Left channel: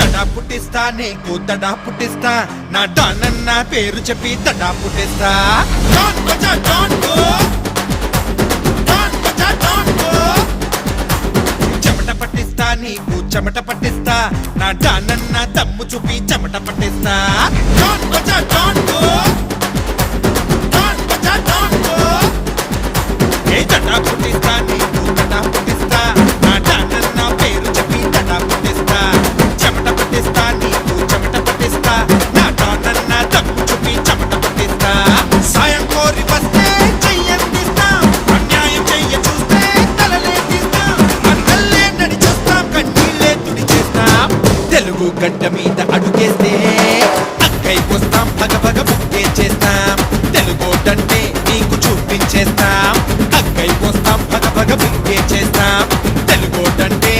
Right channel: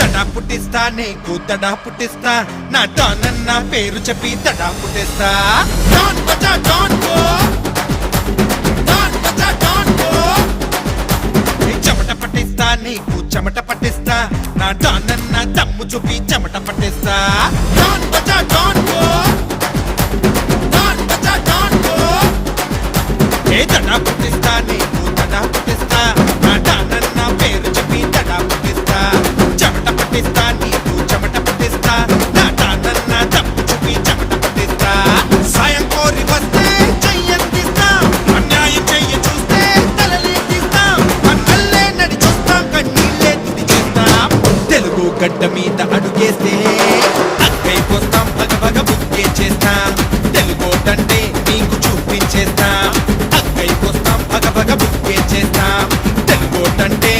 తడా పుట్టిస్తా నీకు తడా పుట్టిస్తా నా డాన్ అన్న పేరు చెప్పి తడా పుట్టిస్తా డాన్ బజా డాన్ గో డాన్ బజా డాన్ గో చెమట పట్టిస్తా నీకు చెమట పట్టిస్తా నా డాన్ అన్న దమ్ము చూపి చెమట పట్టిస్తా డాన్ బజా డాన్ గో డాన్ బజా డాన్ గో ఏ తడా పుట్టిస్తా నీకు తడా పుట్టిస్తా నా డాన్ అన్న పేరు చెప్పి తడా పుట్టిస్తా చెమట పట్టిస్తా నీకు చెమట పట్టిస్తా నా డాన్ అన్న దమ్ము చూపి చెమట పట్టిస్తా సాయం కోరి వస్తే చెయ్యందిస్తాం అన్యాయం చెయ్య చూస్తే తలలే తీస్తాం అన్నల్లే నడి చూస్తాం కన్నీళ్ళే తుడి చేస్తాం తెలుగు గడ్డ మీద అడుగేస్తే అక్కైపోస్తాం పగ పగ బుక్కే చేస్తాం తెలుగోటంటే నీకు చూపించేస్తాం అక్కైపోస్తాం పగ పగ బుక్కే చేస్తాం తెలుగోటంటే